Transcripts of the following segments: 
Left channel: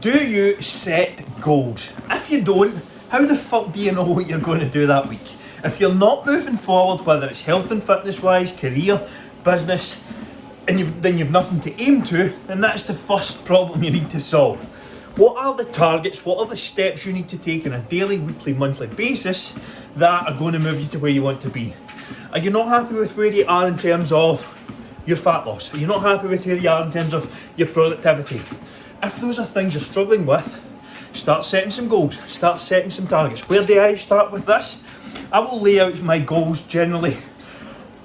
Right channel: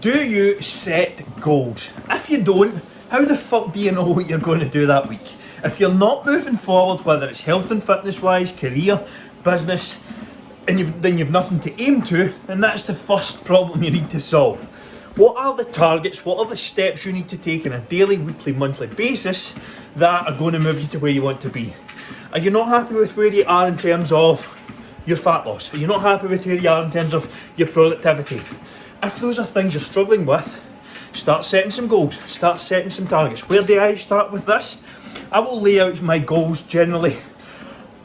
Do you set goals? If you don't, how the fuck do you know what you're going to do that week? If you're not moving forward, whether it's health and fitness wise, career, business, and then you've nothing to aim to, then that's the first problem you need to solve. What are the targets, what are the steps you need to take on a daily, weekly, monthly basis that are going to move you to where you want to be? Are you not happy with where you are in terms of your fat loss? Are you not happy with where you are in terms of your productivity? If those are things you're struggling with, start setting some goals, start setting some targets. Where do I start with this? I will lay out my goals generally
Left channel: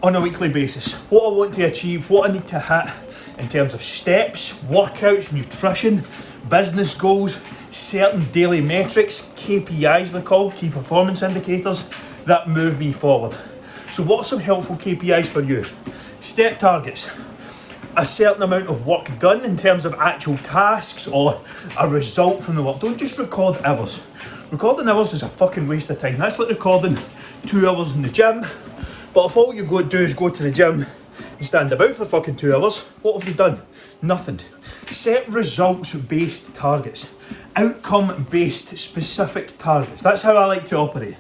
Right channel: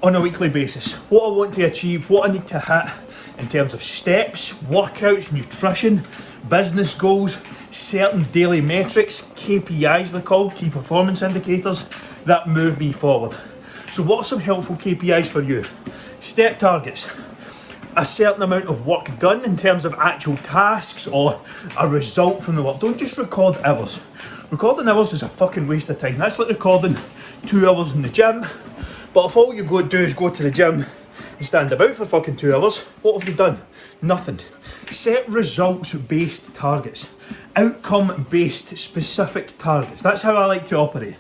on a weekly basis. What I want to achieve, what I need to hit in terms of steps, workouts, nutrition, business goals, certain daily metrics, KPIs they're called, key performance indicators, that move me forward. So what are some helpful KPIs for you? Step targets. A certain amount of work done in terms of actual tasks or a result from the work. Don't just record hours. Recording hours is a fucking waste of time. That's like recording 2 hours in the gym. But if all you go do is go to the gym and stand about for fucking 2 hours, what have you done? Nothing. Set results-based targets. Outcome-based specific targets. That's how I like to operate.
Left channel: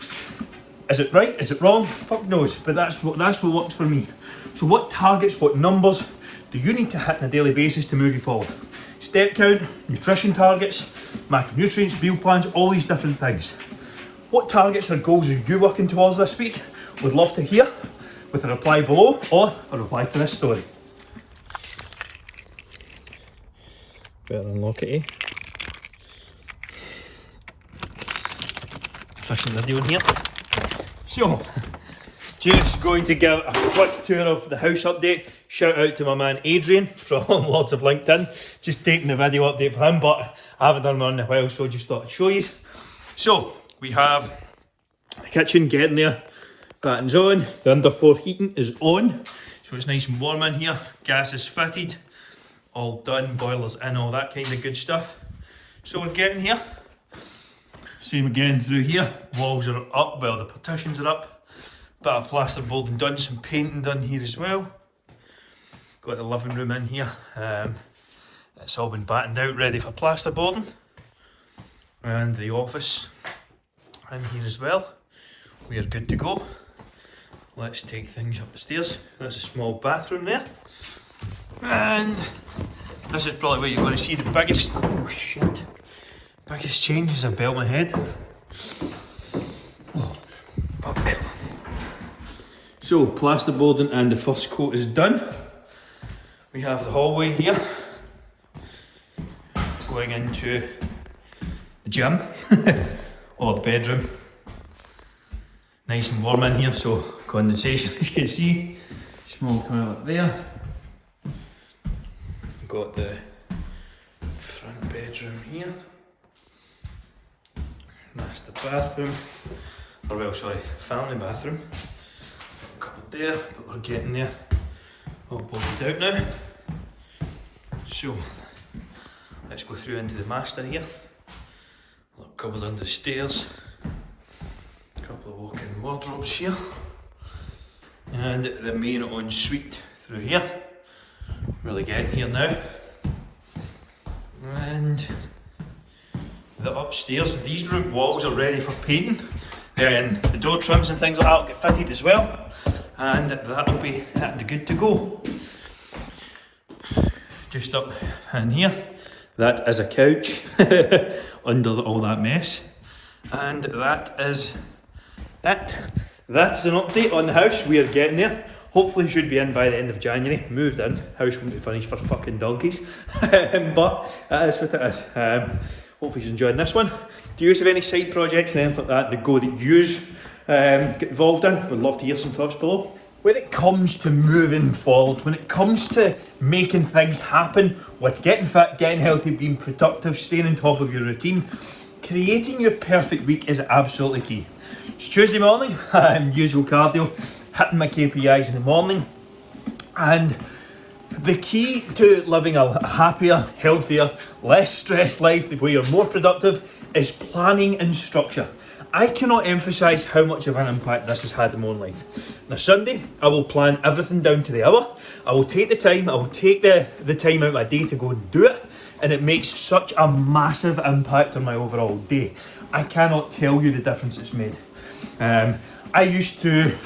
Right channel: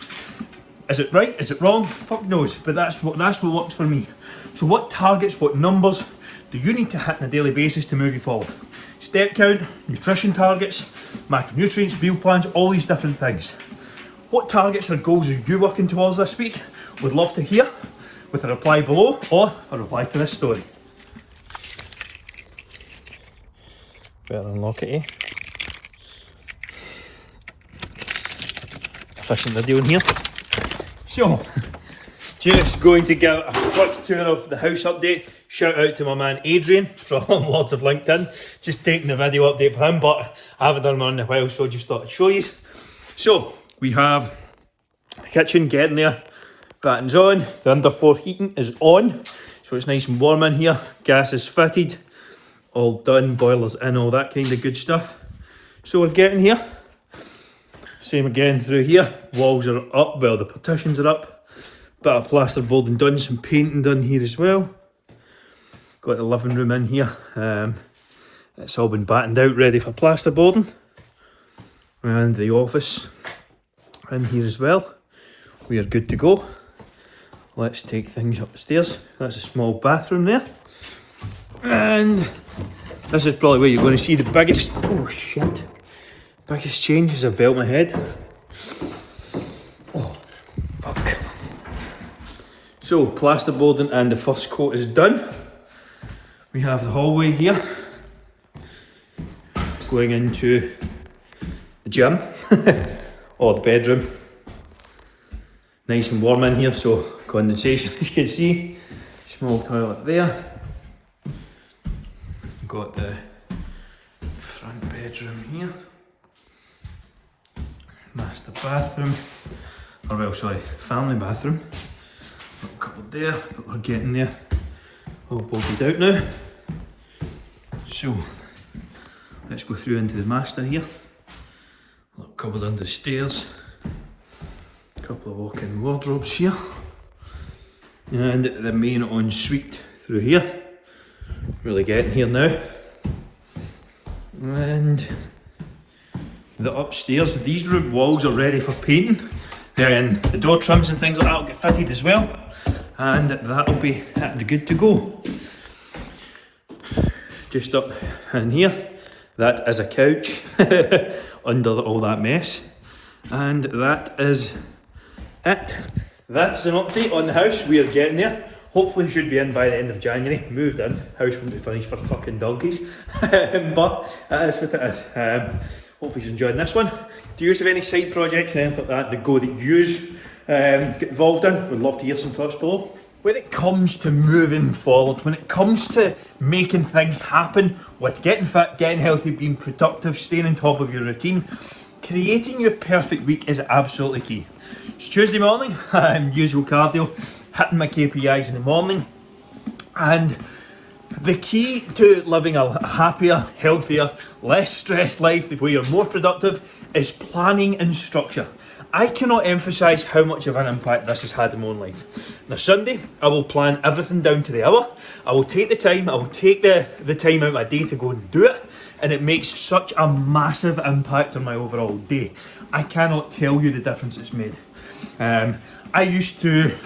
Is it right? Is it wrong? Fuck knows. But that's what works for me. So what targets, what numbers do you need to hit on a daily basis to move you forward? Step count, nutrition targets, macronutrients, meal plans, all these different things. What targets or goals are you working towards this week? Would love to hear with a reply below or a reply to this story. Better unlock it, eh? Efficient video in here. So, just going to give a quick tour of the house update. Shout out to my man Adrian from Lords of LinkedIn. Just taking the video update for him, but I haven't done one in a while, so just thought I'd show you. So, we have the kitchen getting there. Batten's on. The underfloor heating is on. So it's nice and warm in here. Gas is fitted. All done. Boilers in, all that kind of good stuff. So we're getting here. Same again through here. Walls are up. Well, the partitions are up. Bit of plasterboarding done. Some painting done here as well. Got the living room in here. It's all been battened out, ready for plasterboarding. And the office in here as well. We are good to go. Let's take things up the stairs. That's a small bathroom there. And this is probably where you're going to see the biggest, oh shit, biggest changes I've built my head. Oh, fuck. So, plasterboarding and the first coat is done. We have the hallway here, going into the gym, or the bedroom. Nice and warm in here, so condensation, as you can see. Small toilet there. Got the front bedroom here. Master bathroom, or well, sorry, family bathroom. Got a couple there, but we're getting there. All bolted out now. So, let's go through into the master here. Little cupboard under the stairs. Couple of walk-in wardrobes here, and the main ensuite through here. Really getting here now. And the upstairs, these room walls are ready for painting. Then the door trims and things like that will get fitted as well, and that'll be good to go. Just up in here, that is a couch under all that mess, and that is it. That's an update on the house. We are getting there. Hopefully should be in by the end of January. Moved in. House won't be finished for fucking donkeys. But that is what it is. Hopefully you're enjoying this one. Do you have any side projects and anything like that that you get involved in? Would love to hear some thoughts below. When it comes to moving forward, when it comes to making things happen with getting fit, getting healthy, being productive, staying on top of your routine, creating your perfect week is absolutely key. It's Tuesday morning, usual cardio, hitting my KPIs in the morning, and the key to living a happier, healthier, less stressed life where you're more productive is planning and structure. I cannot emphasise how much of an impact this has had in my own life. Now Sunday, I will plan everything down to the hour. I will take the time, I will take the time out of my day to go and do it. and it makes such a massive impact on my overall day. I cannot tell you the difference it's made. I used to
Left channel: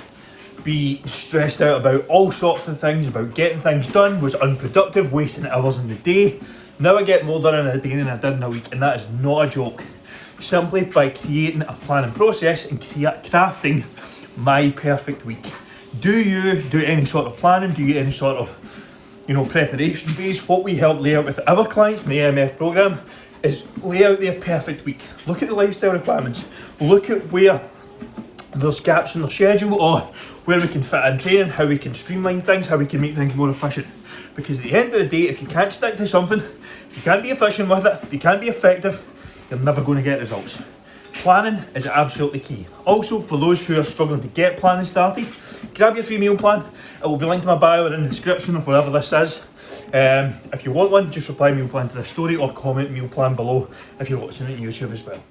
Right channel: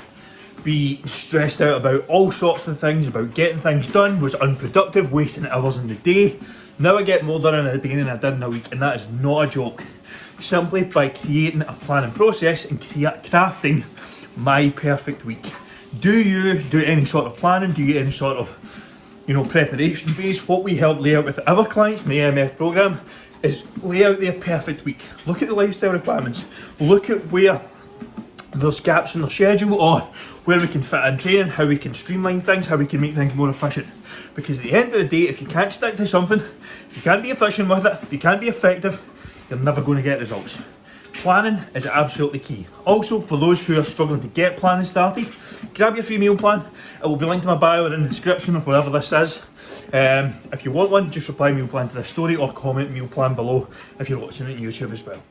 be stressed out about all sorts of things, about getting things done, was unproductive, wasting hours in the day. Now I get more done in a day than I did in a week, and that is not a joke. Simply by creating a planning process and crafting my perfect week. Do you do any sort of planning? Do you any sort of preparation phase? What we help lay out with our clients in the AMF program is lay out their perfect week. Look at the lifestyle requirements. Look at where there's gaps in the schedule, or where we can fit in training, how we can streamline things, how we can make things more efficient. Because at the end of the day, if you can't stick to something, if you can't be efficient with it, if you can't be effective, you're never going to get results. Planning is absolutely key. Also, for those who are struggling to get planning started, grab your free meal plan. It will be linked in my bio or in the description or wherever this is. If you want one, just reply meal plan to the story or comment meal plan below if you're watching it on YouTube as well.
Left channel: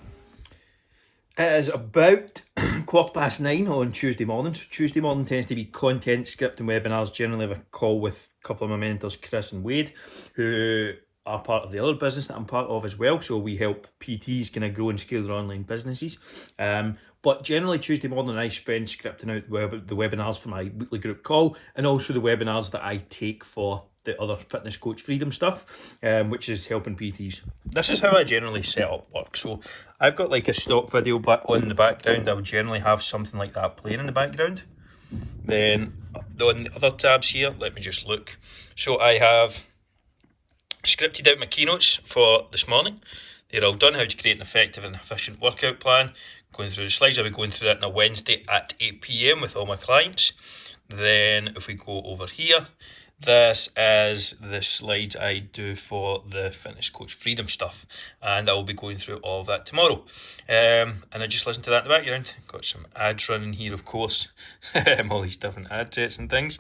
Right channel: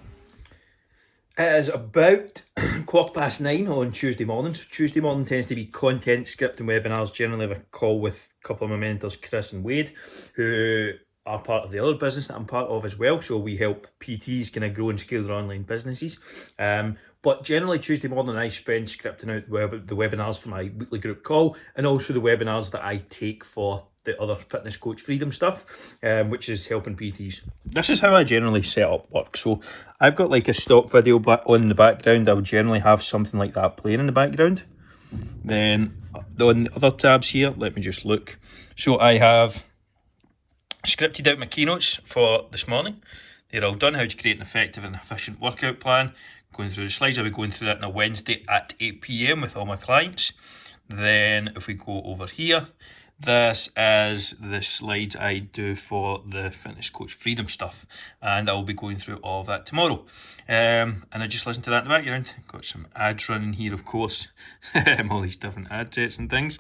It is about 9:15 on Tuesday morning. So Tuesday morning tends to be content, script and webinars. Generally have a call with a couple of my mentors, Chris and Wade, who are part of the other business that I'm part of as well. So we help PTs kind of grow and scale their online businesses. But generally Tuesday morning I spend scripting out the webinars for my weekly group call, and also the webinars that I take for the other fitness coach freedom stuff, which is helping PTs. This is how I generally set up work. So I've got like a stock video on in the background. I would generally have something like that playing in the background. Then on the other tabs here, let me just look. So I have scripted out my keynotes for this morning. They're all done. How to create an effective and efficient workout plan. Going through the slides. I'll be going through that on a Wednesday at 8 p.m. with all my clients. Then if we go over here, this is the slides I do for the fitness coach freedom stuff, and I will be going through all of that tomorrow. And I just listened to that in the background. Got some ads running here, of course. All these different ad sets and things.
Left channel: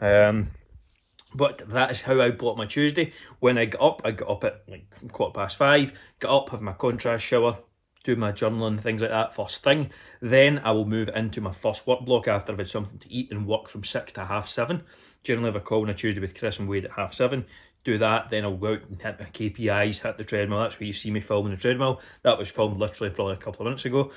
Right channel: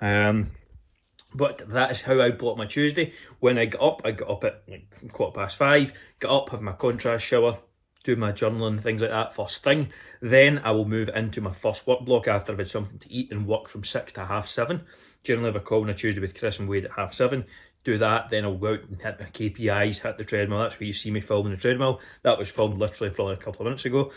But that is how I block my Tuesday. When I get up at like 5:15, get up, have my contrast shower, do my journaling, things like that first thing. Then I will move into my first work block after I've had something to eat, and work from 6 to 7:30. Generally have a call on a Tuesday with Chris and Wade at 7:30. Do that, then I'll go out and hit my KPIs, hit the treadmill. That's where you see me filming the treadmill. That was filmed literally probably a couple of minutes ago,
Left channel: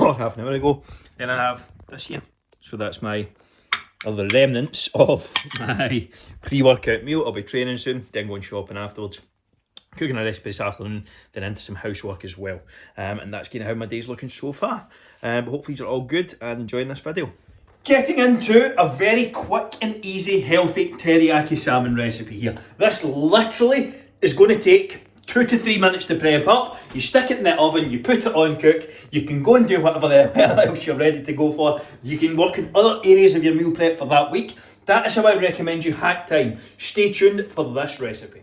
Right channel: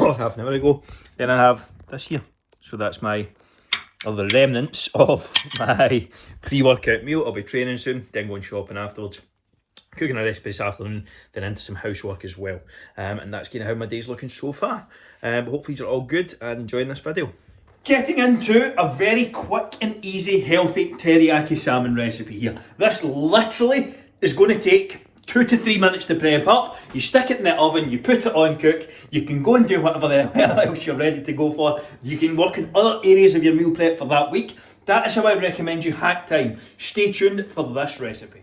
or half an hour ago. Then I have this here. So that's the remnants of my pre-workout meal. I'll be training soon, then going shopping afterwards. Cooking a recipe this afternoon, then into some housework as well. And that's kind of how my day's looking so far. Hopefully you're all good and enjoying this video. Getting into a very quick and easy, healthy teriyaki salmon recipe here. This literally is going to take 2 to 3 minutes to prep up. You stick it in the oven, you put it on cook, you can go and do whatever else you're ready to go for. You can work in other areas of your meal prep for that week. That is how I recommend you hack time. Stay tuned for this recipe.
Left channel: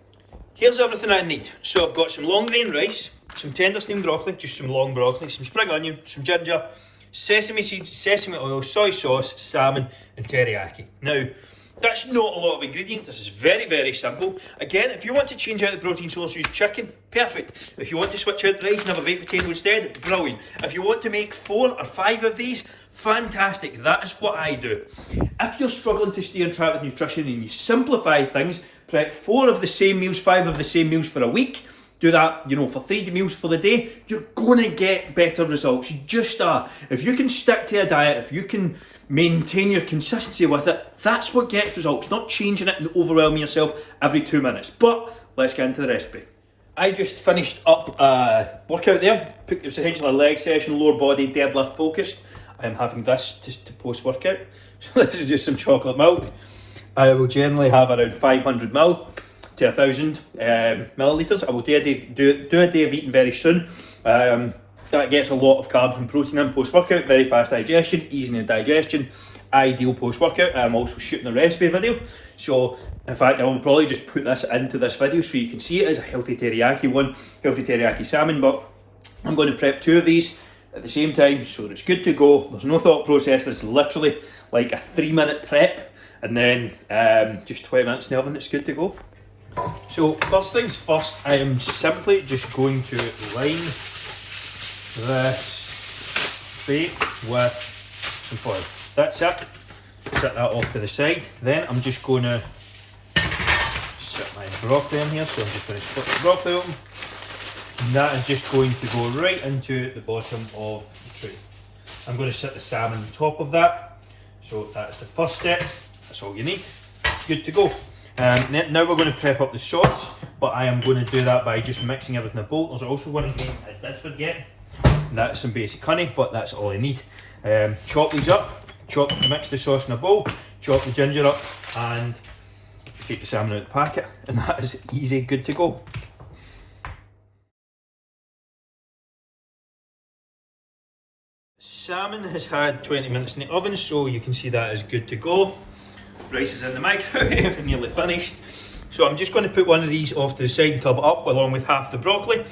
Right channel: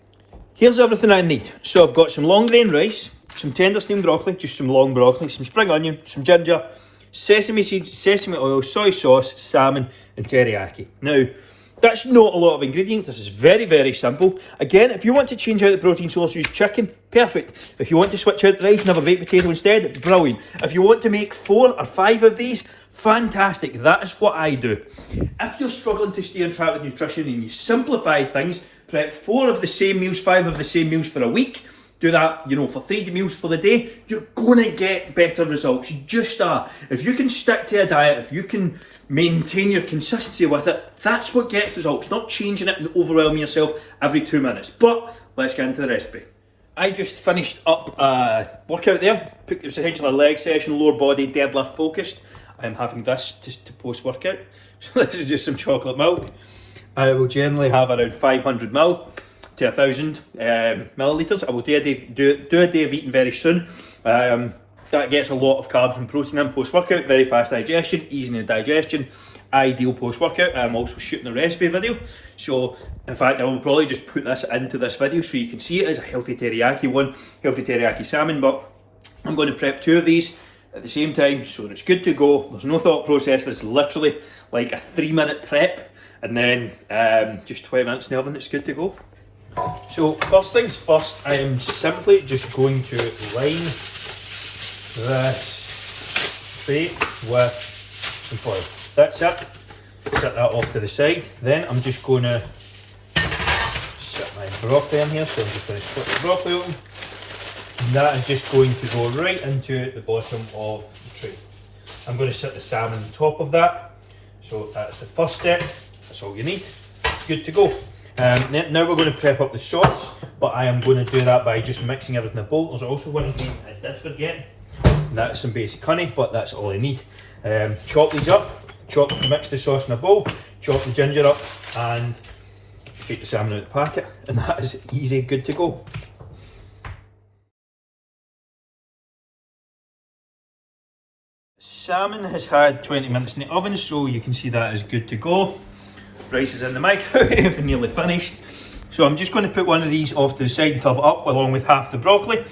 Here's everything I need. So I've got some long grain rice, some tender steamed broccoli, just some long broccoli, some spring onion, some ginger, sesame seeds, sesame oil, soy sauce, salmon and teriyaki. Now, that's not a lot of ingredients. This is very, very simple. Again, if you want to change out the protein source, use chicken, perfect. If you want to switch out the rice and have a baked potato instead, brilliant. If you want to make 4 or 5 of these, fantastic. That is what I do. If you're struggling to stay on track with nutrition and you simplify things, prep 4 of the same meals, 5 of the same meals for a week, do that, for 3 meals for the day, you're going to get better results. You just are. If you can stick to a diet, if you can maintain your consistency with it, that's what gets results, not changing it and overwhelming yourself every 2 minutes. But let's get into the recipe. I just finished up a workout there. It was essentially a leg session, lower body, deadlift focused. I'm having this to post-workout. So this is just some chocolate milk. I will generally have around 500 ml to 1,000 millilitres. I will do a day of eating very soon. That gets a lot of carbs and protein in post-workout, very fast digestion, easing the digestion, ideal post-workout. I'm also shooting a recipe video, so in fact I will probably just put this into this video so you can see it as a healthy teriyaki one, healthy teriyaki salmon, but I'm going to prep 2 of these at the same time so it's good to go. There's no thought process, there's literally like a 3-minute prep and then just 20 minutes in the oven, it's good to go. So first things first, I am simply just going to line this tray with some foil. That's it. Set that off to the side. Then I'm just going to set my broccoli in here, so I'm just going to split the broccoli open. And that is just going to go right into the bottom of the tray. I'm going to set the salmon on top of that. So that's the first step. That's all you need. Good to go. Now we're going to prep up the sauce, but I am going to do that by just mixing everything in a bowl. There's also one thing I did forget, and that's some basic honey, but that's all I need. Chop these up, mix the sauce in a bowl, chop the ginger up, and take the salmon out of the packet, and that is easy, good to go. Salmon has had 20 minutes in the oven, so you can see that is good to go. Rice is in the microwave and nearly finished. So I'm just going to put one of these off to the side and top it up along with half the broccoli.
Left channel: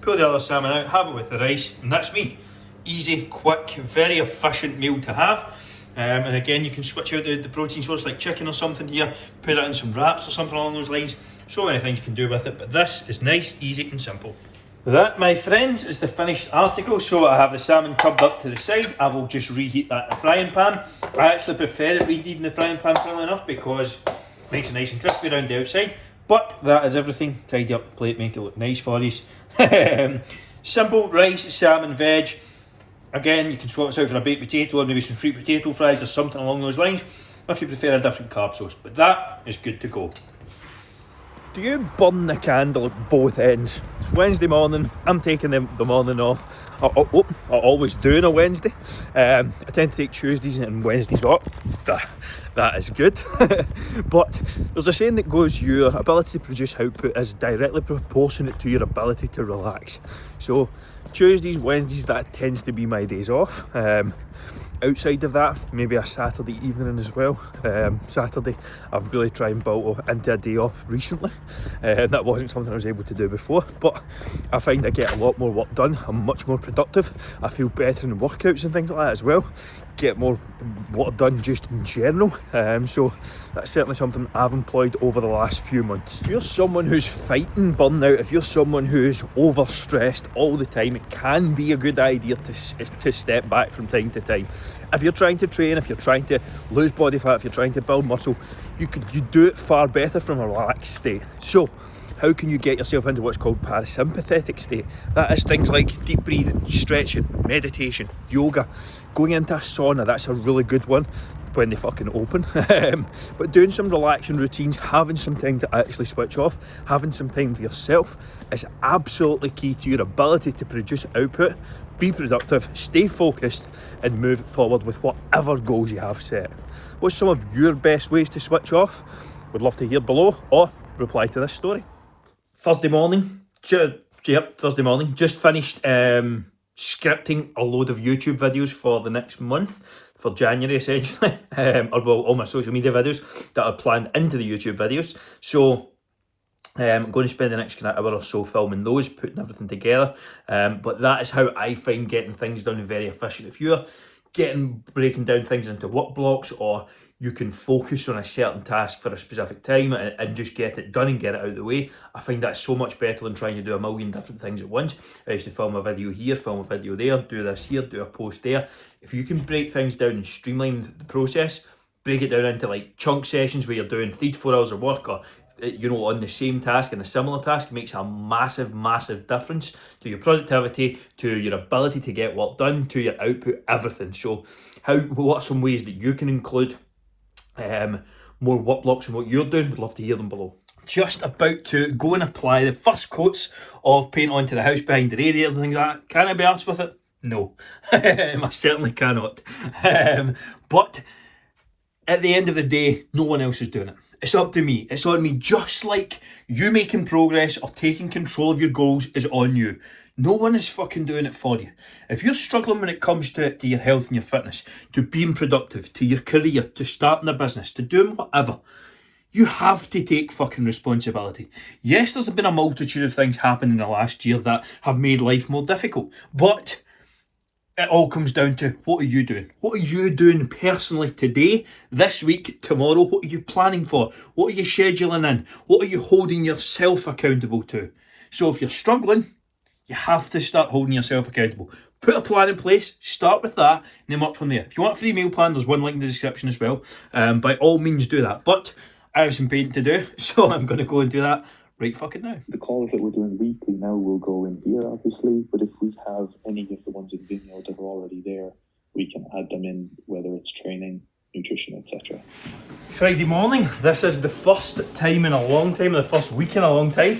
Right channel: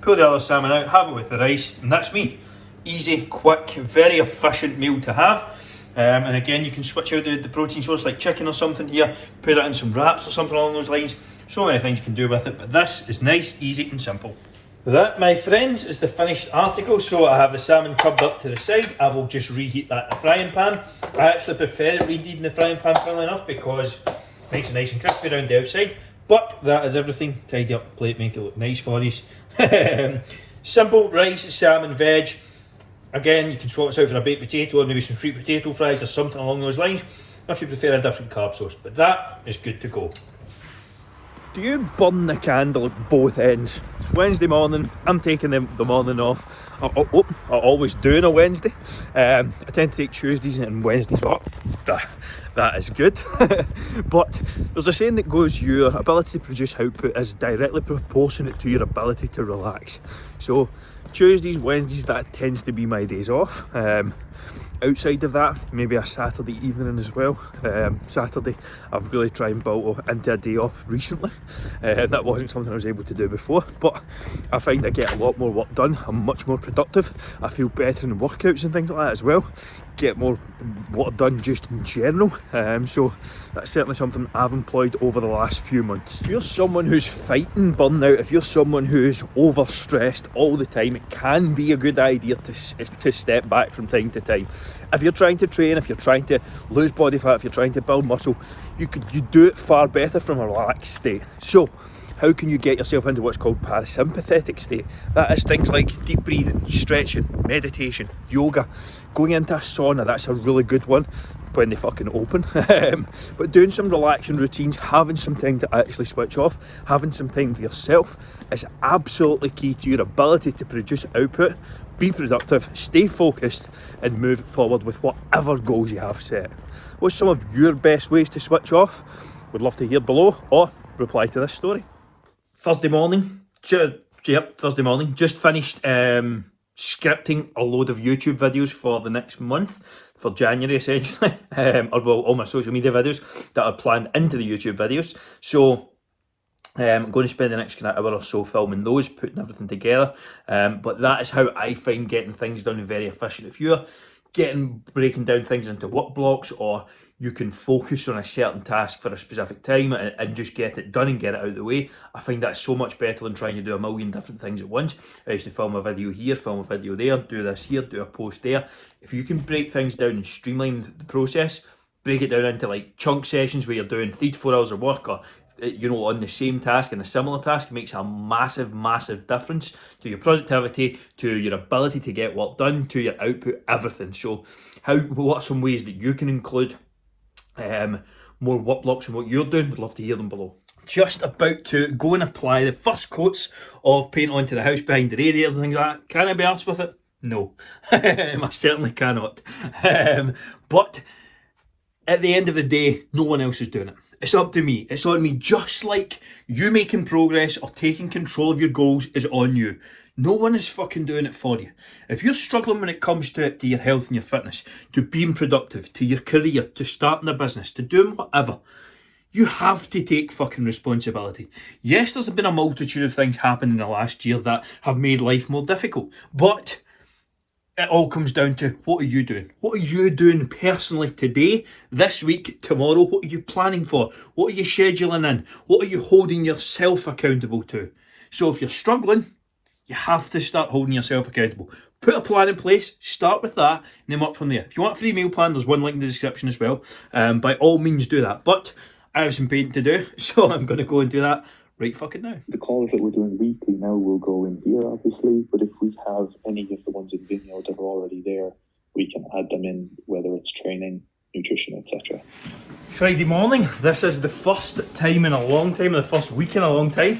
Pull the other salmon out, have it with the rice, and that's me. Easy, quick, very efficient meal to have. And again, you can switch out the protein source like chicken or something here, put it in some wraps or something along those lines. So many things you can do with it, but this is nice, easy and simple. That, my friends, is the finished article. So I have the salmon tubbed up to the side. I will just reheat that in the frying pan. I actually prefer it reheated in the frying pan, funnily enough, because it makes it nice and crispy around the outside. But that is everything. Tidy up the plate, make it look nice for you. Simple rice, salmon, veg. Again, you can swap this out for a baked potato or maybe some sweet potato fries or something along those lines, if you prefer a different carb source. But that is good to go. Do you burn the candle at both ends? It's Wednesday morning, I'm taking the morning off. I always do on a Wednesday. I tend to take Tuesdays and Wednesdays off. That is good. But there's a saying that goes, your ability to produce output is directly proportionate to your ability to relax. So Tuesdays, Wednesdays, that tends to be my days off. Outside of that, maybe a Saturday evening as well. Saturday, I've really tried and built into a day off recently. That wasn't something I was able to do before, but I find I get a lot more work done. I'm much more productive. I feel better in workouts and things like that as well. Get more work done just in general. So that's certainly something I've employed over the last few months. If you're someone who's fighting burnout, if you're someone who's overstressed all the time, it can be a good idea to step back from time to time. If you're trying to train, if you're trying to lose body fat, if you're trying to build muscle, you do it far better from a relaxed state. So how can you get yourself into what's called parasympathetic state? That is things like deep breathing, stretching, meditation, yoga, going into a sauna. That's a really good one when they fucking open. But doing some relaxing routines, having some time to actually switch off, having some time for yourself is absolutely key to your ability to produce output, be productive, stay focused, and move forward with whatever goals you have set. What's some of your best ways to switch off? Would love to hear below, or reply to this story. Thursday morning, just finished scripting a load of YouTube videos for the next month, for January essentially, or well, all my social media videos that are planned into the YouTube videos. So I'm going to spend the next kind of hour or so filming those, putting everything together. But that is how I find getting things done very efficient. If you're breaking down things into work blocks, or you can focus on a certain task for a specific time and just get it done and get it out of the way, I find that's so much better than trying to do a million different things at once. I used to film a video here, film a video there, do this here, do a post there. If you can break things down and streamline the process, break it down into like chunk sessions where you're doing 3 to 4 hours of work, or on the same task and a similar task, makes a massive difference to your productivity, to your ability to get work done, to your output, everything. So what are some ways that you can include more work blocks in what you're doing? Would love to hear them below. Just about to go and apply the first coats of paint onto the house behind the radiators and things like that. Can I be arsed with it? No. I certainly cannot. But at the end of the day, no one else is doing it. It's up to me. It's on me. Just like you making progress or taking control of your goals is on you. No one is fucking doing it for you. If you're struggling when it comes to your health and your fitness, to being productive, to your career, to starting a business, to doing whatever, you have to take fucking responsibility. Yes, there's been a multitude of things happening in the last year that have made life more difficult, but it all comes down to, what are you doing? What are you doing personally today, this week, tomorrow? What are you planning for? What are you scheduling in? What are you holding yourself accountable to? So if you're struggling, you have to start holding yourself accountable. Put a plan in place, start with that, and then work from there. If you want a free meal plan, there's one link in the description as well. By all means do that. But I have some painting to do, so I'm going to go and do that right fucking now. The calls that we're doing weekly now will go in here, obviously, but if we have any of the ones in Vimeo that are already there, we can add them in, whether it's training, nutrition, etc. Friday morning, this is the first time in a long time, the first week in a long time,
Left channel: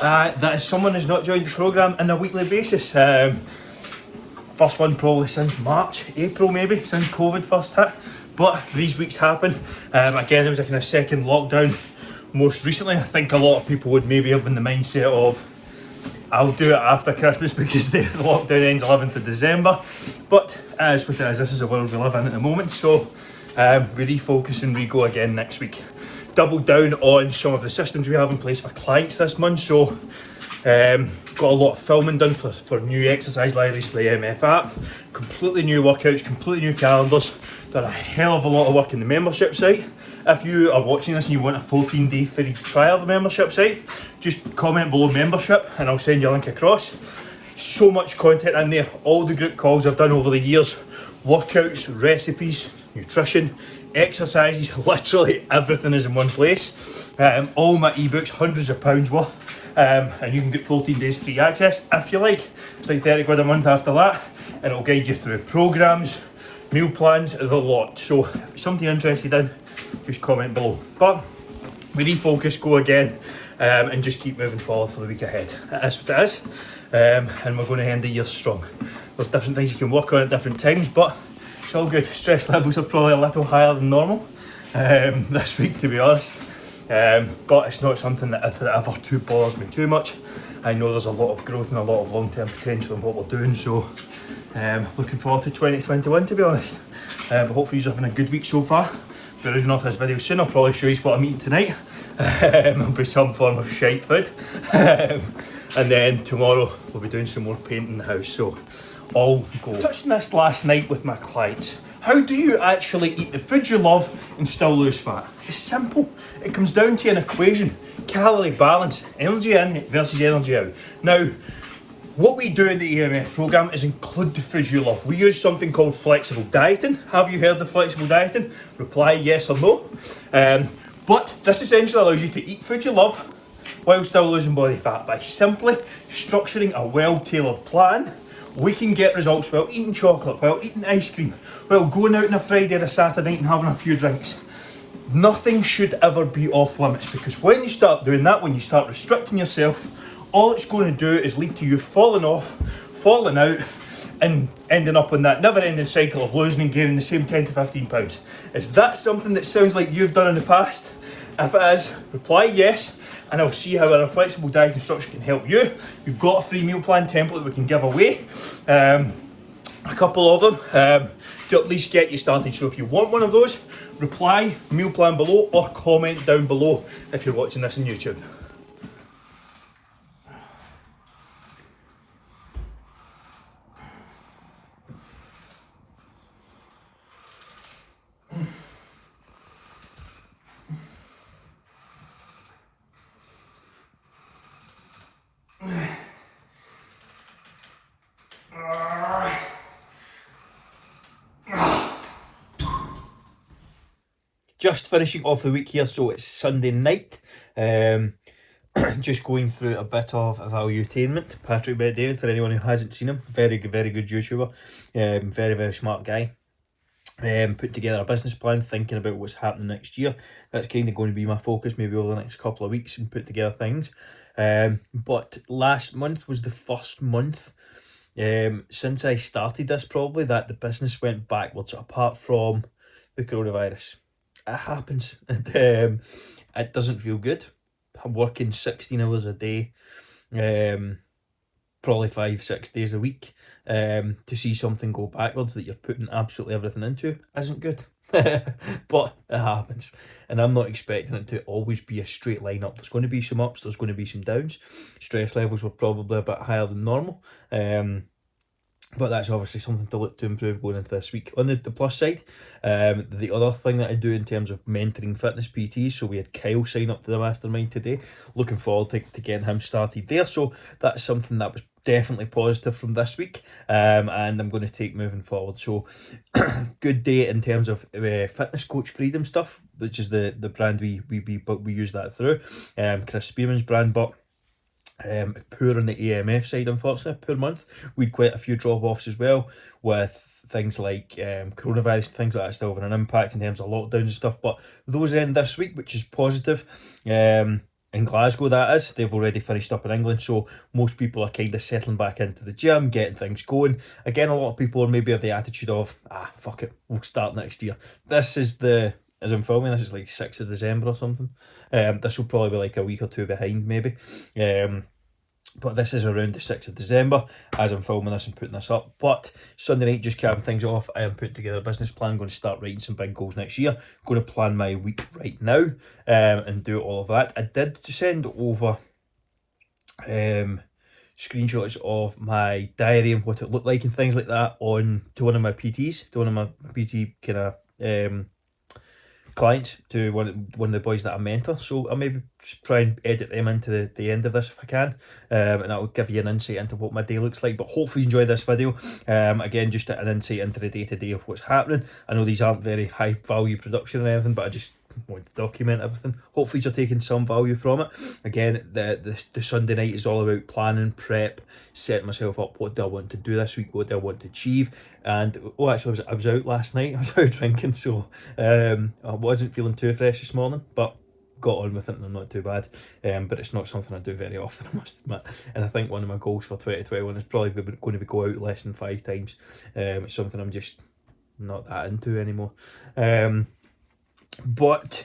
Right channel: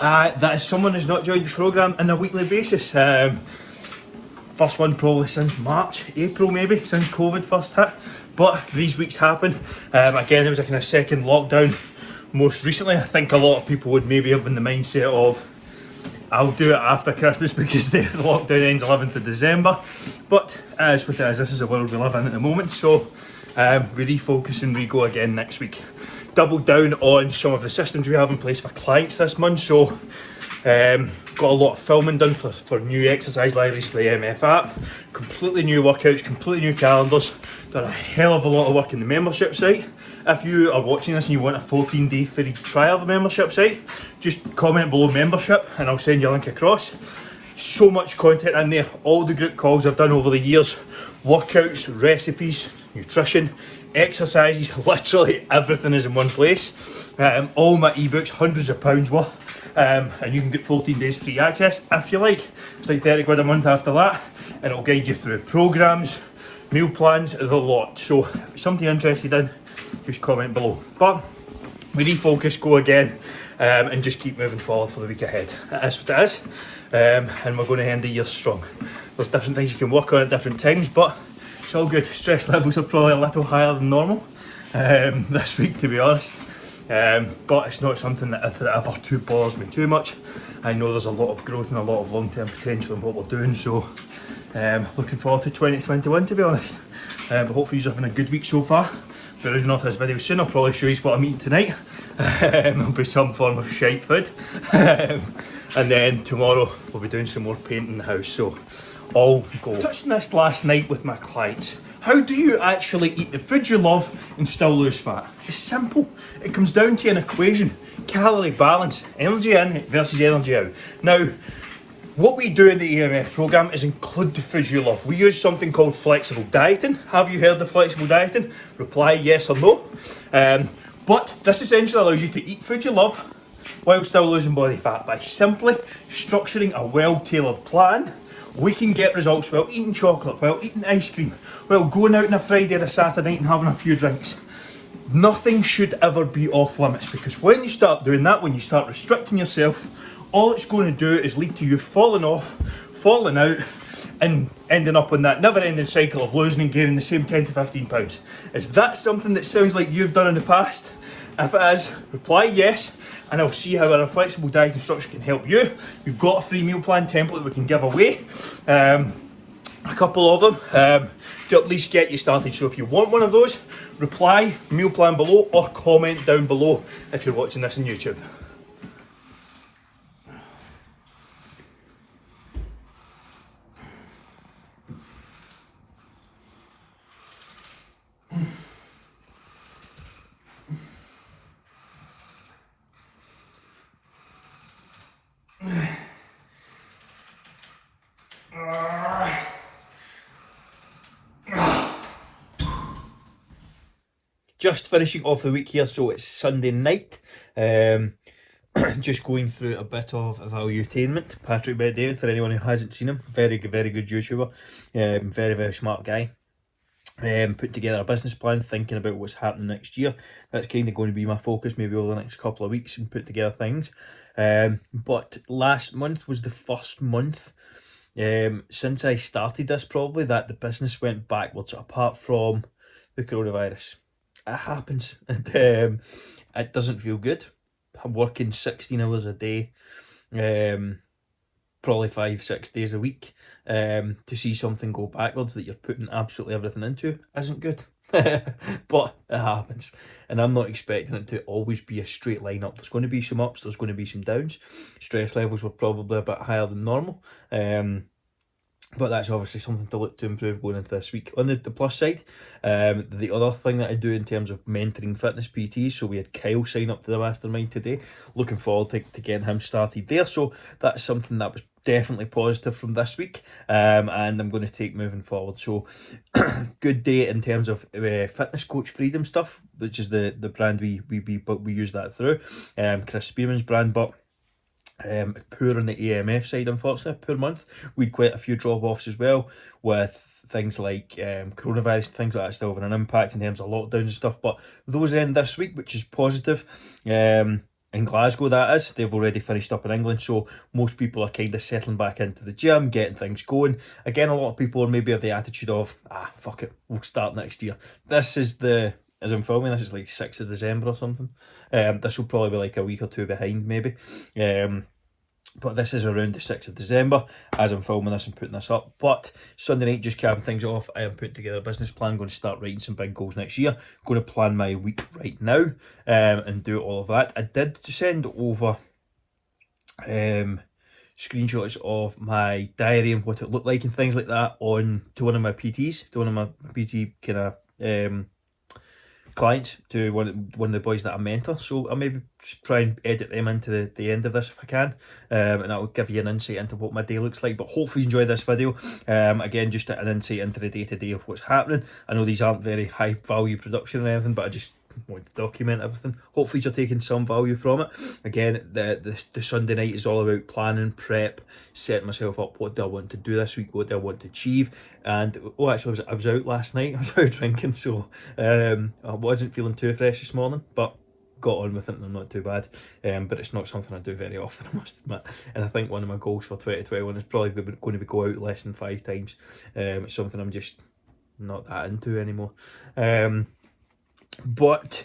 that someone has not joined the programme on a weekly basis. First one probably since March, April maybe, since COVID first hit. But these weeks happen. Again, it was a kind of second lockdown. Most recently, I think a lot of people would maybe have in the mindset of, I'll do it after Christmas because the lockdown ends 11th of December. But as what it is, this is the world we live in at the moment. So we refocus and we go again next week. Double down on some of the systems we have in place for clients this month. So got a lot of filming done for new exercise libraries for the MF app. Completely new workouts, completely new calendars. Done a hell of a lot of work in the membership site. If you are watching this and you want a 14-day free trial of the membership site, just comment below membership and I'll send you a link across. So much content in there, all the group calls I've done over the years, workouts, recipes, nutrition, exercises, literally everything is in one place. All my ebooks, hundreds of pounds worth, and you can get 14 days free access if you like. It's like 30 quid a month after that, and it'll guide you through programs, meal plans, the lot. So if it's something you're interested in, just comment below. But we refocus, go again, and just keep moving forward for the week ahead. It is what it is, and we're going to end the year strong. There's different things you can work on at different times, but it's all good. Stress levels are probably a little higher than normal this week, to be honest. But it's not something that ever too bothers me too much. I know there's a lot of growth and a lot of long-term potential in what we're doing, so looking forward to 2021, to be honest. But hopefully you're having a good week so far. But reading off this video soon, I'll probably show you what I'm eating tonight. It'll be some form of shite food. And then tomorrow we'll be doing some more painting in the house, so all go. Touching this last night with my clients. How do you actually eat the food you love and still lose fat? It's simple. It comes down to an equation. Calorie balance, energy in versus energy out. Now, what we do in the EMF programme is include the foods you love. We use something called flexible dieting. Have you heard of flexible dieting? Reply yes or no. But this essentially allows you to eat food you love while still losing body fat by simply structuring a well-tailored plan. We can get results while eating chocolate, while eating ice cream, while going out on a Friday or a Saturday night and having a few drinks. Nothing should ever be off limits, because when you start doing that, when you start restricting yourself, all it's going to do is lead to you falling off, falling out, and ending up in that never-ending cycle of losing and gaining the same 10 to 15 pounds. Is that something that sounds like you've done in the past? If it is, reply yes, and I'll see how a flexible diet structure can help you. We've got a free meal plan template we can give away, a couple of them, to at least get you started. So if you want one of those, reply meal plan below or comment down below if you're watching this on YouTube. Just finishing off the week here, so it's Sunday night. Just going through a bit of evaluatainment. Patrick Bet-David, for anyone who hasn't seen him, very good YouTuber, very smart guy. Put together a business plan, thinking about what's happening next year. That's kind of going to be my focus, maybe over the next couple of weeks, and put together things. But last month was the first month since I started this, probably, that the business went backwards, apart from the coronavirus. It happens, and it doesn't feel good. I'm working 16 hours a day, probably 5-6 days a week. To see something go backwards that you're putting absolutely everything into isn't good. But it happens, and I'm not expecting it to always be a straight line up. There's going to be some ups, there's going to be some downs. Stress levels were probably a bit higher than normal, but that's obviously something to look to improve going into this week. On the plus side, the other thing that I do in terms of mentoring fitness PTs, so we had Kyle sign up to the mastermind today. Looking forward to getting him started there. So that's something that was definitely positive from this week, and I'm going to take moving forward. So good day in terms of fitness coach freedom stuff, which is the brand we use that through. Chris Spearman's brand, but poor on the AMF side, unfortunately. Poor month. We had quite a few drop-offs as well, with things like coronavirus, things like that still having an impact in terms of lockdowns and stuff, but those end this week, which is positive. In Glasgow, that is. They've already finished up in England, so most people are kind of settling back into the gym, getting things going. Again, a lot of people are maybe of the attitude of, fuck it, we'll start next year. This is as I'm filming, this is like 6th of December or something. This will probably be like a week or two behind, maybe. But this is around the 6th of December as I'm filming this and putting this up. But Sunday night, just capping things off, I am putting together a business plan. I'm going to start writing some big goals next year. Going to plan my week right now and do all of that. I did send over screenshots of my diary and what it looked like and things like that on to one of my PTs, to one of my PT kind of clients, to one of the boys that I mentor. So I'll maybe try and edit them into the end of this if I can, and that will give you an insight into what my day looks like. But hopefully you enjoy this video. Again, just an insight into the day-to-day of what's happening. I know these aren't very high value production or anything, but I just want to document everything. Hopefully you're taking some value from it. Again, the Sunday night is all about planning, prep, setting myself up. What do I want to do this week? What do I want to achieve? And actually, I was out last night. I was out drinking, so I wasn't feeling too fresh this morning, but got on with it and I'm not too bad. But it's not something I do very often, I must admit. And I think one of my goals for 2021 is probably going to be go out less than 5 times. It's something I'm just not that into anymore. But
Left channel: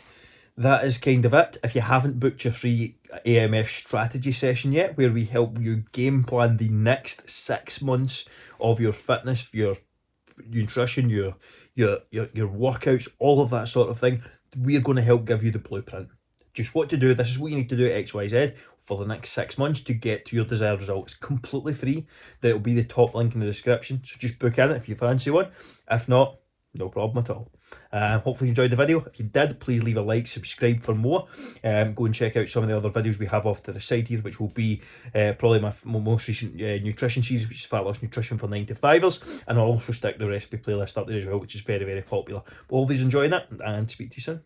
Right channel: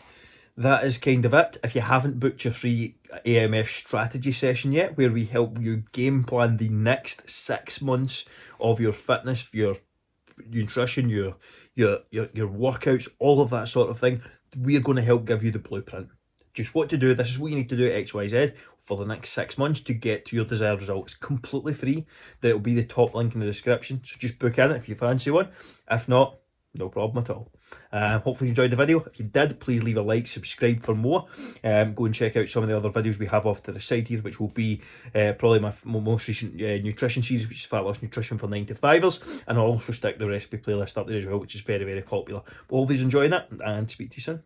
that is kind of it. If you haven't booked your free AMF strategy session yet, where we help you game plan the next 6 months of your fitness, your nutrition, your workouts, all of that sort of thing, we're going to help give you the blueprint. Just what to do. This is what you need to do at XYZ for the next 6 months to get to your desired result. It's completely free. That'll be the top link in the description. So just book in if you fancy one. If not, no problem at all. Hopefully you enjoyed the video. If you did, please leave a like, subscribe for more. Go and check out some of the other videos we have off to the side here, which will be probably my most recent nutrition series, which is Fat Loss Nutrition for 9-to-5ers, and I'll also stick the recipe playlist up there as well, which is very, very popular. But hopefully you're enjoying that, and speak to you soon.